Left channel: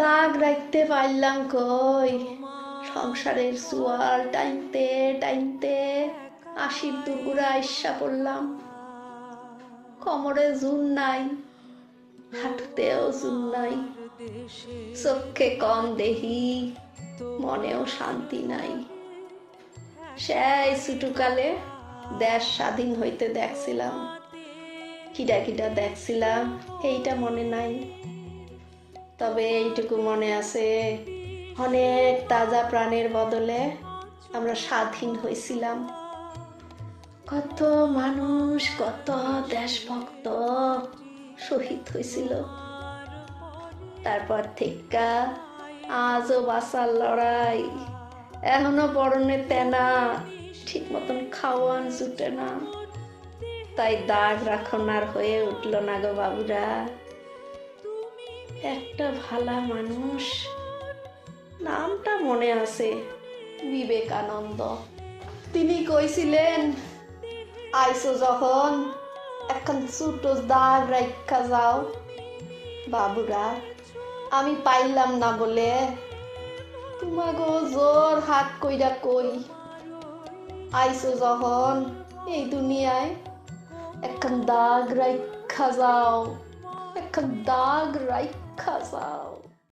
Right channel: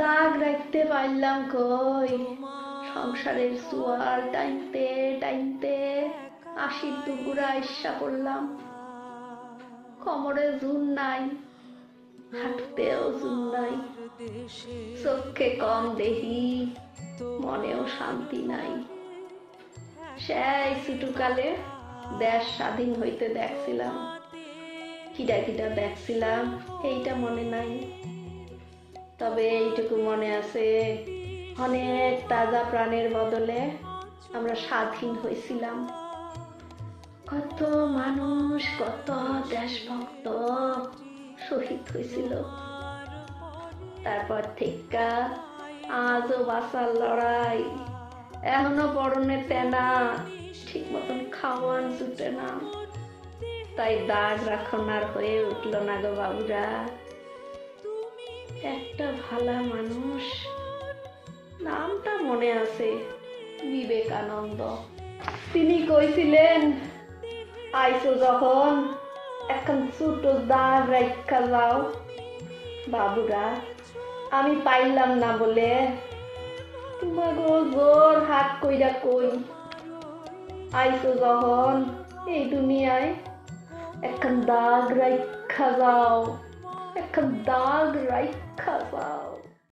দাগ রাখতে পারলাম কই, সংসারের জোয়ার টাইনতে টাইনতে 80 দুগুড়া আইসা পড়লাম। কোমরে জুন নাই, হাঁটুতেও জুন নাই, চোখে কম দেহি, মনেও শান্তি নাই। সেই ছোটকালে দেশ স্বাধীন হইতে দেখছিলাম, কিডা কিডা দেখছিলাম এইটা মনে নাই, তবে এইটুকু মনে আছে অনেক তাজা প্রাণের বদলে আমরা স্বাধীন হয়েছিলাম। কত মানুষ, কত দেশভক্ত শহীদ হয়েছিল। তারপর থেকে আজও বাঁচার লড়াই, এখনো পরনে তেনা, ঠিক মতন খাওয়ান জুটে না। তাই দাগ রাখনার হয়ে উঠল না গো বাবুরা। একটা ভালা মানুষ, নামটা মনে আছে, বিবেকানন্দ। তিনি কইছিলেন, আইসো যখন এখন ছোট দাগ রাখা যাও। বাবুরা, আমি পাইলাম না বলে তোমাগো জোর হাত কইরা কই, আইসো যখন এই দুনিয়ায় এখন দাগ রাখা যাও, এখন দাগ রাখা যাও।